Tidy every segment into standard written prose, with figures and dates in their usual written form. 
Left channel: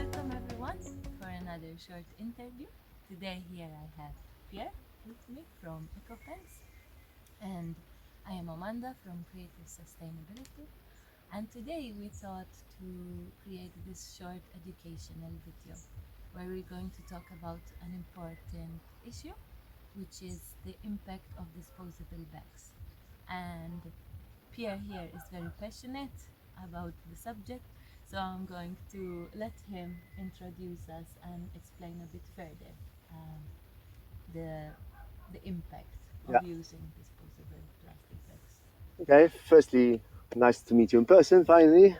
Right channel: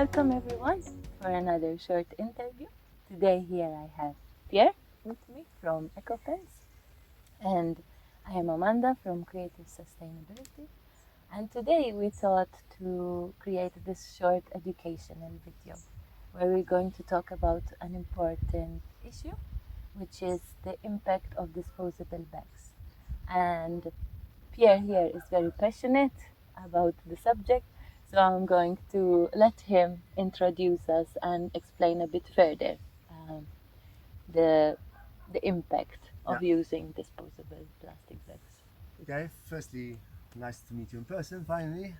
Welcome everyone for another short interview. Today here I have Pierre with me from EcoFence, and I am Amanda from Creative Sustainability. And today we thought to create this short educational video where we're going to talk about an important issue, which is the impact of disposable bags. And Pierre here is very passionate about the subject, so I'm going to let him introduce us and explain a bit further the impact of using disposable plastic bags. Okay, firstly, nice to meet you in person finally.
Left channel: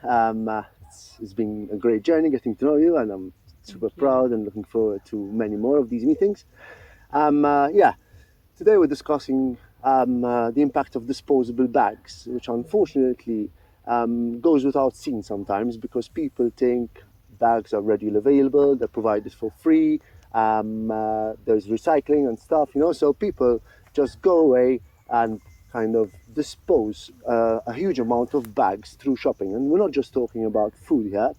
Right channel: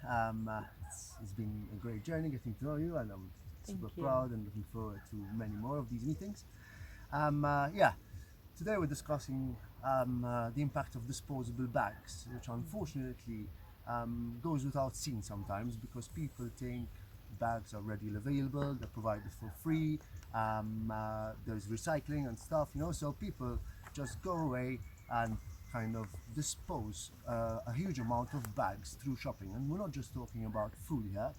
It's been a great journey getting to know you, and I'm super proud and looking forward to many more of these meetings. Today we're discussing the impact of disposable bags, which unfortunately goes without seen sometimes because people think bags are readily available, they're provided for free, there's recycling and stuff, so people just go away and kind of dispose a huge amount of bags through shopping. And we're not just talking about food here,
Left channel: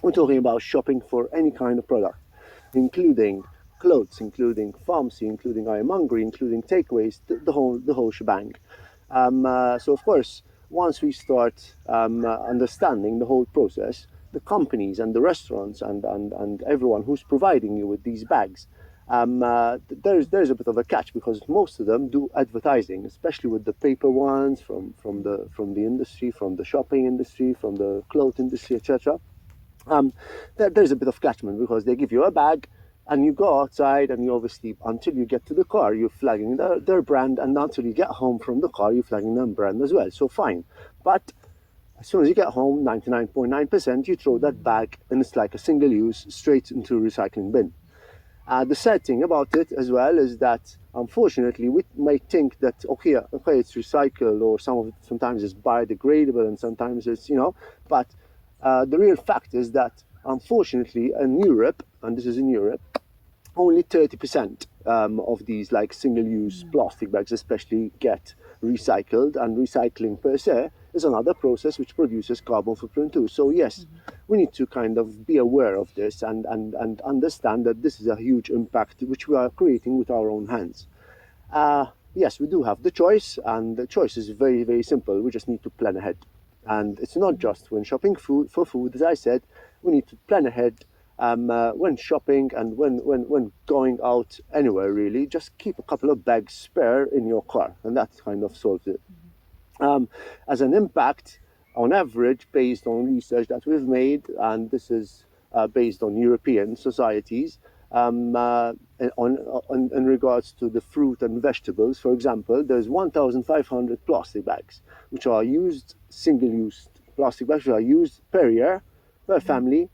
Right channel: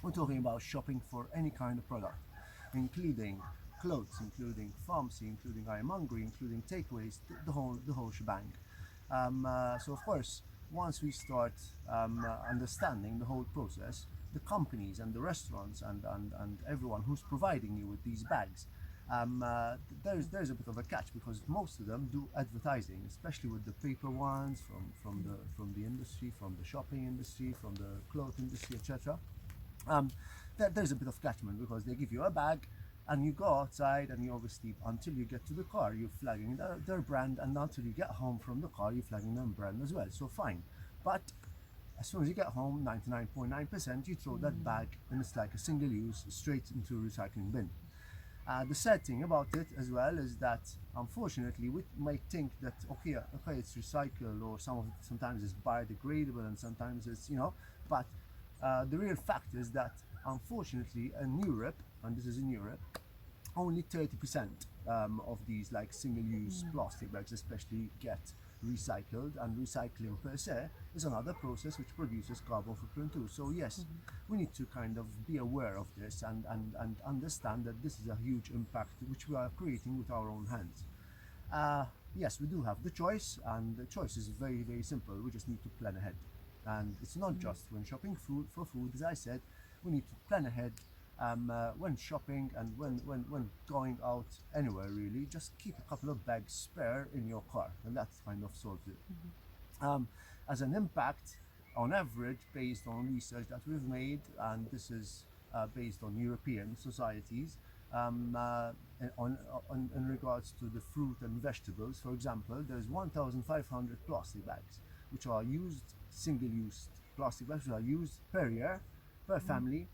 we're talking about shopping for any kind of product, including clothes, including pharmacy, including ironmongery, including takeaways, the whole shebang. So of course, once we start understanding the whole process, the companies and the restaurants and everyone who's providing you with these bags, there's a bit of a catch because most of them do advertising, especially with the paper ones from the industry, from the shopping industry, from the cloth industry, etc. There's a bit of catchment because they give you a bag and you go outside and you obviously, until you get to the car, you're flagging their brand, and until you get home from the car, you're flagging their brand as well. So fine. But as soon as you get home, 99.9%, you throw that bag and it's like a single use straight into a recycling bin. The sad thing about it as well is that unfortunately we might think that okay it's recycled, or sometimes it's biodegradable and sometimes it's but the real fact is that unfortunately in Europe, and this is in Europe, only 30% of these like single-use plastic bags especially get recycled, and recycling per se is another process which produces carbon footprint too. So yes, we need to kind of be aware of this and understand that this is a huge impact which we are creating with our own hands. Yes, we do have the choice, and the choice is very, very simple. We just need to plan ahead. And it's not just when shopping for food, as I said, we need to plan ahead when shopping and when going out anywhere really. Just keep a couple of bags spare in your car, and that kind of solves it. As an impact, on average, based on research that we've made, and this is based on European societies, in regards to the fruit and vegetables, for example, there's 1,500 plastic bags, which are used, single-use plastic bags, which are used per year, per family,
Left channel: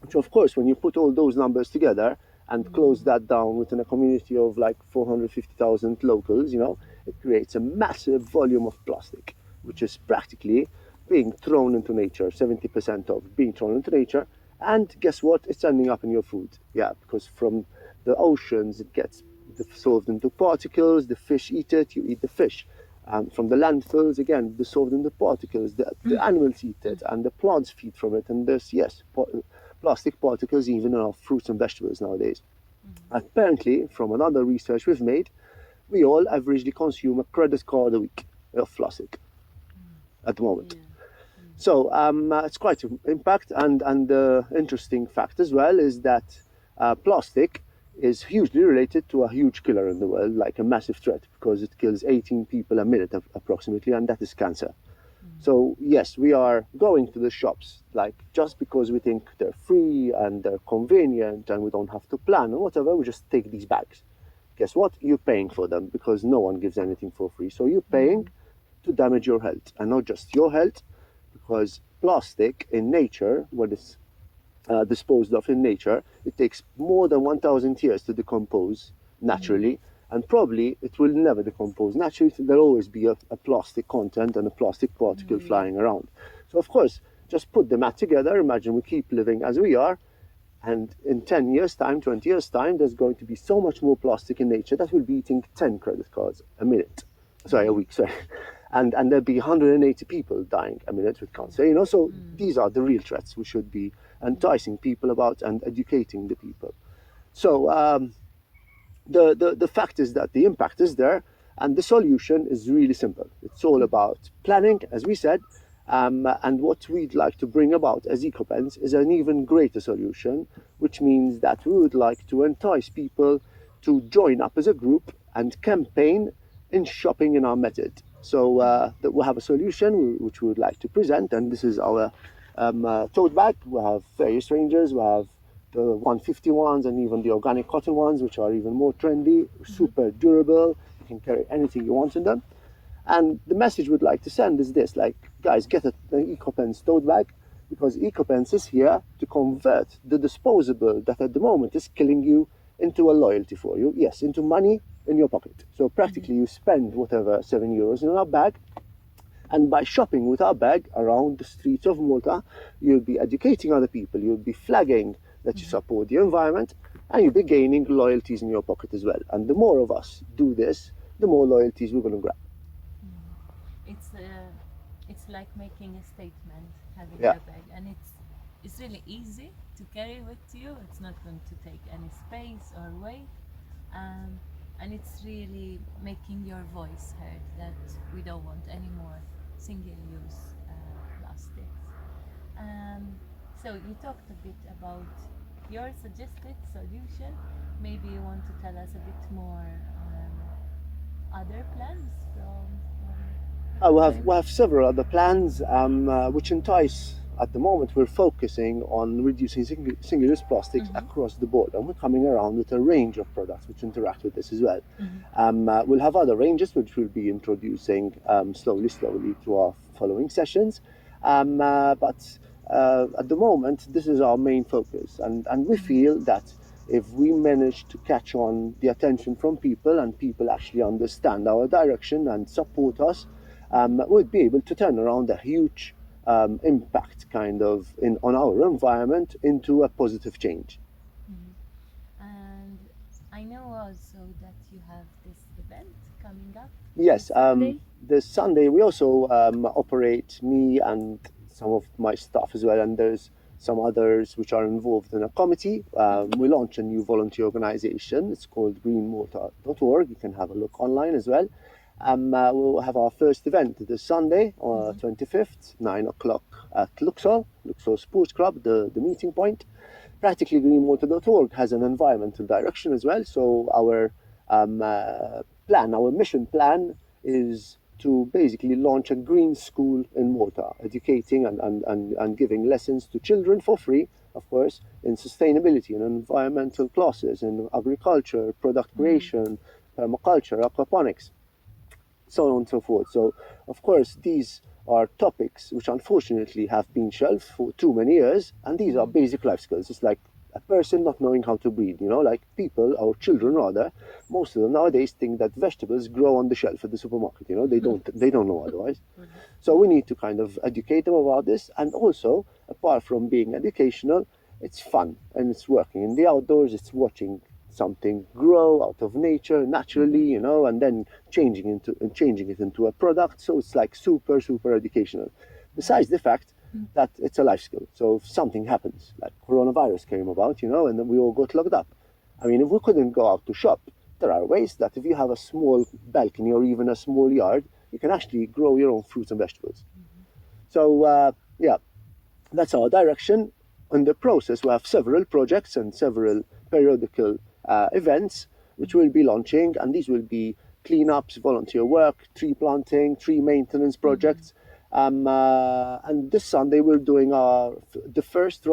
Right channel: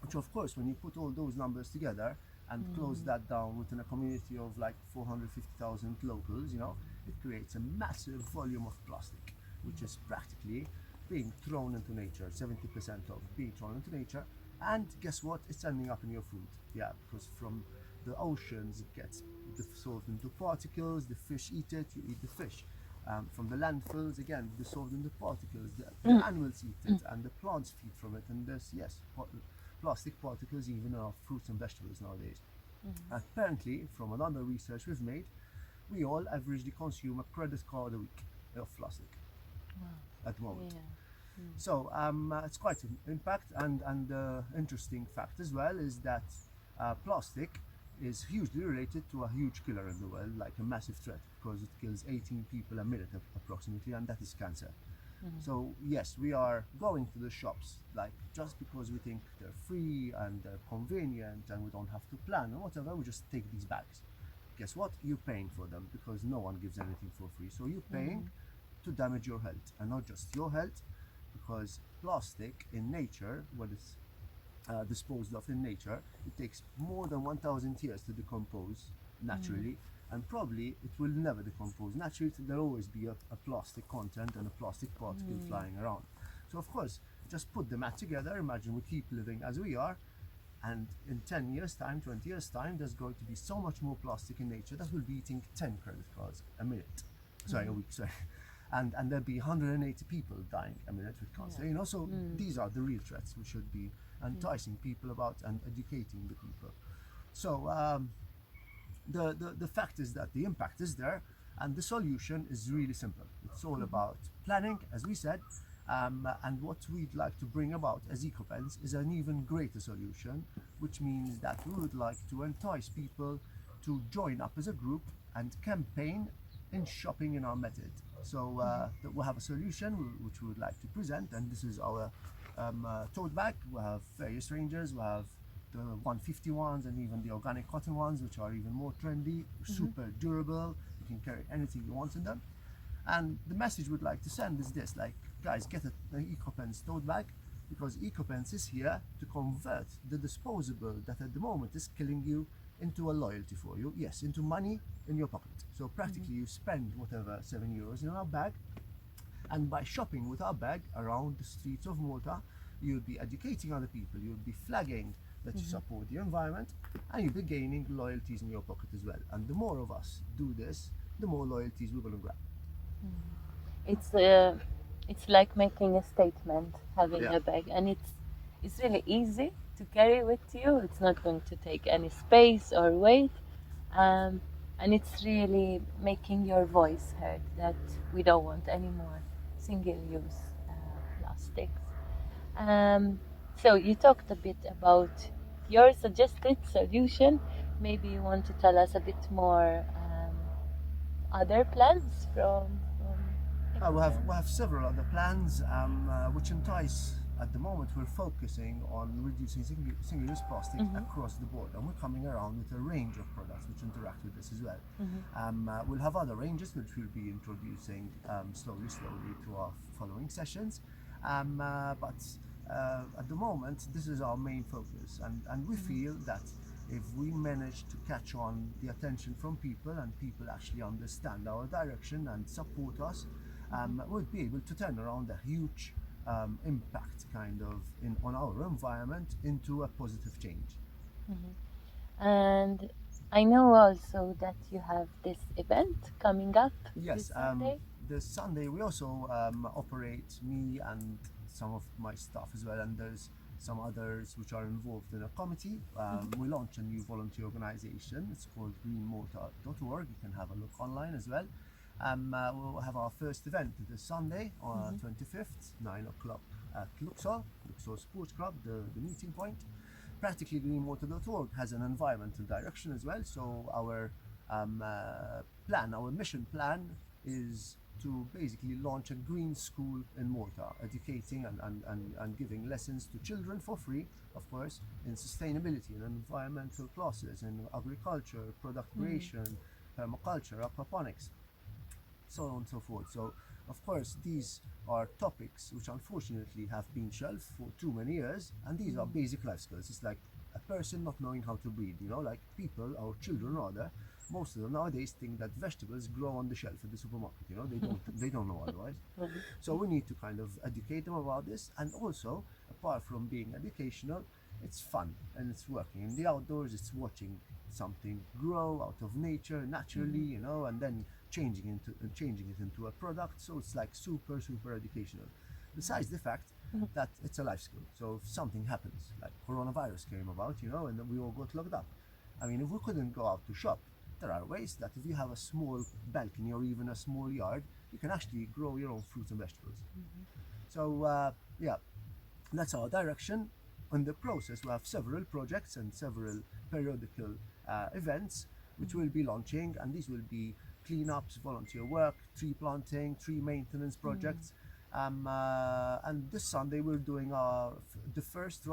which of course, when you put all those numbers together and close that down within a community of like 450,000 locals, it creates a massive volume of plastic, which is practically being thrown into nature, 70% of being thrown into nature. And guess what? It's ending up in your food. Yeah, because from the oceans, it gets dissolved into particles, the fish eat it, you eat the fish. From the landfills, again, dissolved into particles, the animals eat it, and the plants feed from it. And there's, yes, plastic particles even in our fruits and vegetables nowadays. Apparently, from another research we've made, we all averagely consume a credit card a week of plastic at the moment. So it's quite an impact, and the interesting fact as well is that plastic is hugely related to a huge killer in the world, like a massive threat, because it kills 18 people a minute approximately, and that is cancer. So yes, we are going to the shops like just because we think they're free and they're convenient and we don't have to plan or whatever, we just take these bags. Guess what? You're paying for them because no one gives anything for free. So you're paying to damage your health, and not just your health, because plastic in nature, when it's disposed of in nature, it takes more than 1,000 years to decompose naturally, and probably it will never decompose naturally. There'll always be a plastic content and a plastic particle flying around. So of course, just put the math together. Imagine we keep living as we are, and in 10 years time, 20 years time, there's going to be so much more plastic in nature that we'll be eating 10 credit cards a week, sorry. and there'll be 180 people dying a minute with cancer. You know, so these are the real threats we should be enticing people about and educating the people. So the fact is that the impact is there, and the solution is really simple. It's all about planning, as we said, and what we'd like to bring about as EcoPens is an even greater solution, which means that we would like to entice people to join up as a group and campaign in shopping in our method. So that we'll have a solution which we would like to present, and this is our tote bag. We have various ranges. We have the 150 ones and even the organic cotton ones, which are even more trendy, super durable. You can carry anything you want in them. And the message we'd like to send is this: like, guys, get an EcoPens tote bag, because EcoPens is here to convert the disposable that at the moment is killing you into a loyalty for you. Yes, into money in your pocket. So practically you spend whatever €7 in our bag, and by shopping with our bag around the streets of Malta, you'll be educating other people, you'll be flagging that you support the environment, and you'll be gaining loyalties in your pocket as well. And the more of us do this, the more loyalties we're going to grab. It's like making a statement, having Yeah. a bag, and it's really easy to carry with you. It's not going to take any space or weight, and it's really making your voice heard that we don't want any more single-use plastics. So you talked a bit about your suggested solution. Maybe you want to tell us a bit more other plans from We have several other plans which entice. At the moment, we're focusing on reducing single-use plastics across the board, and we're coming around with a range of products which interact with this as well. We'll have other ranges which we'll be introducing slowly through our following sessions. But at the moment, this is our main focus, and we feel that if we manage to catch on the attention from people, and people actually understand our direction and support us, we'd be able to turn around a huge impact kind of on our environment into a positive change. And I know also that you have this event coming up. Yes, this Sunday. this Sunday we also operate, me and some of my staff as well, and there's some others which are involved in a committee. We launch a new volunteer organization. It's called greenwater.org. You can have a look online as well. We'll have our first event this Sunday, 25th, 9 o'clock at Luxor Sports Club, the meeting point. Practically, greenwater.org has an environmental direction as well. So our mission plan is to basically launch a green school in Malta, educating and giving lessons to children for free, of course, in sustainability and environmental classes, in agriculture, product creation, permaculture, aquaponics, so on and so forth. So, of course, these are topics which unfortunately have been shelved for too many years, and these are basic life skills. It's like a person not knowing how to breathe, you know, like people, or children rather, most of them nowadays think that vegetables grow on the shelf at the supermarket, you know, they don't know otherwise. So we need to kind of educate them about this, and also, apart from being educational, it's fun, and it's working in the outdoors, it's watching something grow out of nature naturally, you know, and then changing it into a product. So it's like super educational, besides the fact that it's a life skill. So if something happens, like coronavirus came about, you know, and then we all got locked up, I mean, if we couldn't go out to shop, there are ways that if you have a small balcony or even a small yard, you can actually grow your own fruits and vegetables. So yeah, that's our direction. In the process, we have several projects and several periodical events which we'll be launching, and these will be cleanups, volunteer work, tree planting, tree maintenance projects. And this Sunday we're doing the first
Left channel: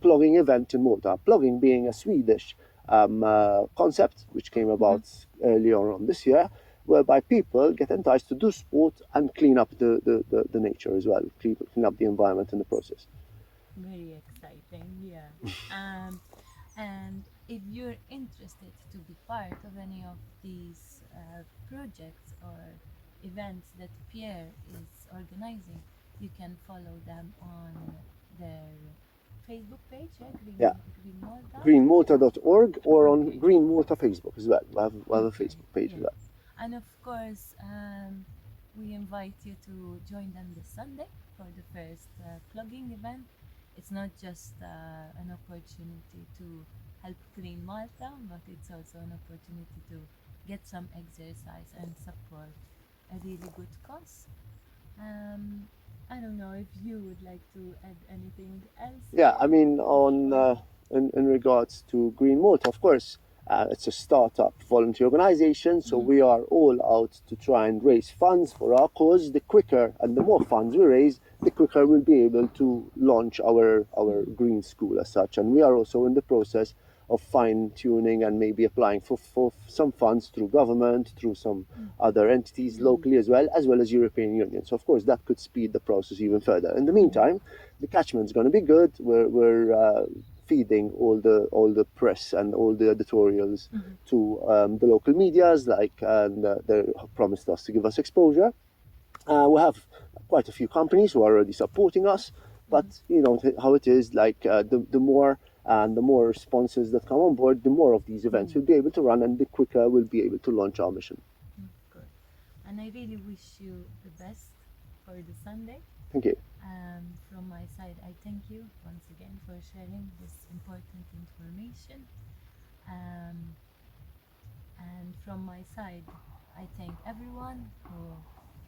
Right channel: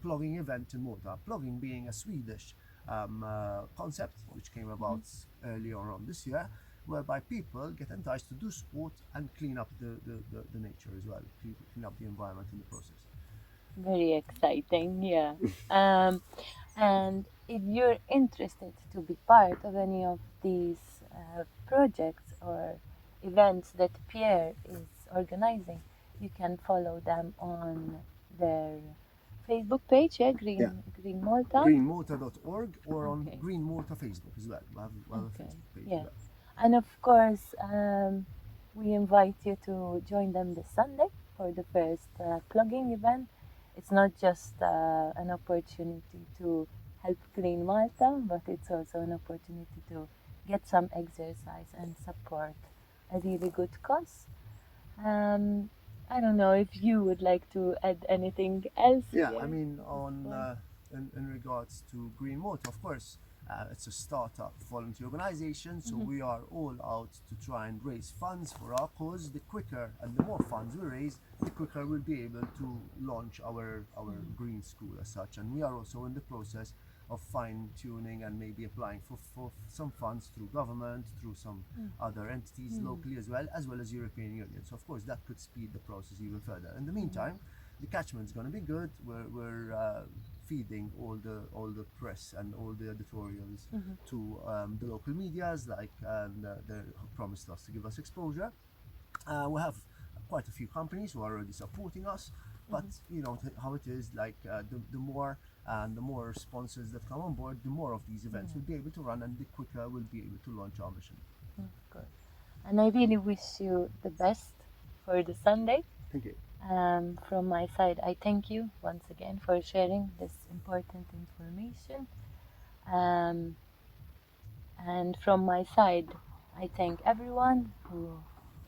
plugging event in Malta. Plugging being a Swedish concept which came about earlier on this year, whereby people get enticed to do sport and clean up the nature as well, clean up the environment in the process. Very exciting, yeah. And if you're interested to be part of any of these projects or events that Pierre is organizing, you can follow them on their Facebook page, Green Malta. Greenwater.org, or on Green Malta Facebook as well. We have a Facebook page as well. And of course, we invite you to join them this Sunday for the first plugging event. It's not just an opportunity to help clean Malta, but it's also an opportunity to get some exercise and support a really good cause. I don't know if you would like to add anything else. Yeah, I mean, in regards to Greenwood, of course, it's a startup volunteer organization, so we are all out to try and raise funds for our cause. The quicker and the more funds we raise, the quicker we'll be able to launch our green school as such. And we are also in the process of fine tuning and maybe applying for some funds through government, through some other entities locally as well as European Union. So of course that could speed the process even further. In the meantime, the catchment's going to be good. We're feeding all the press and all the editorials to the local medias, and they promised us to give us exposure. We have quite a few companies who are already supporting us, but you know how it is. The more sponsors that come on board, the more of these events we'll be able to run, and the quicker we'll be able to launch our mission. Of course. And I really wish you the best for the Sunday. Thank you. From my side, I thank you once again for sharing this important information. And from my side, I thank everyone who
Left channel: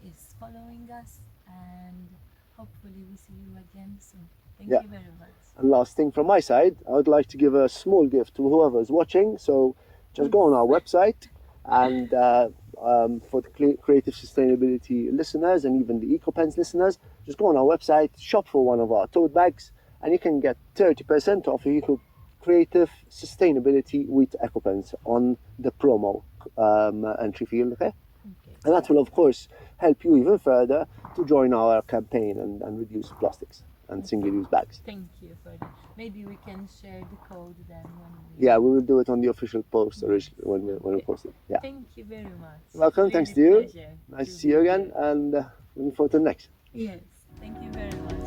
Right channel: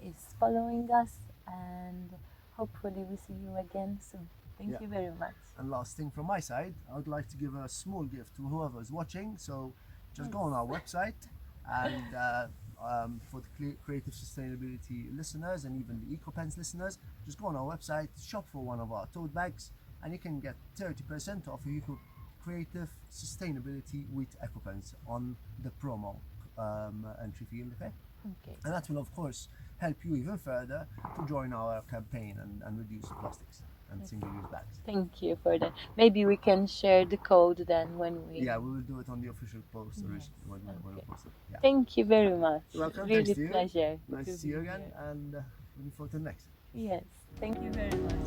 is following us, and hopefully we see you again soon. Thank you very much. And last thing from my side, I would like to give a small gift to whoever is watching. So just go on our website, and for the creative sustainability listeners and even the EcoPens listeners, just go on our website, shop for one of our tote bags, and you can get 30% off your creative sustainability with EcoPens on the promo entry field. Okay? And that will of course help you even further to join our campaign and reduce plastics and single-use bags. Thank you for that. Maybe we can share the code then when we... Yeah, we will do it on the official post when we post it. Yeah. Thank you very much. Welcome. Really Thanks to you. Pleasure Nice to see you again, and looking forward to the next. Yes. Thank you very much.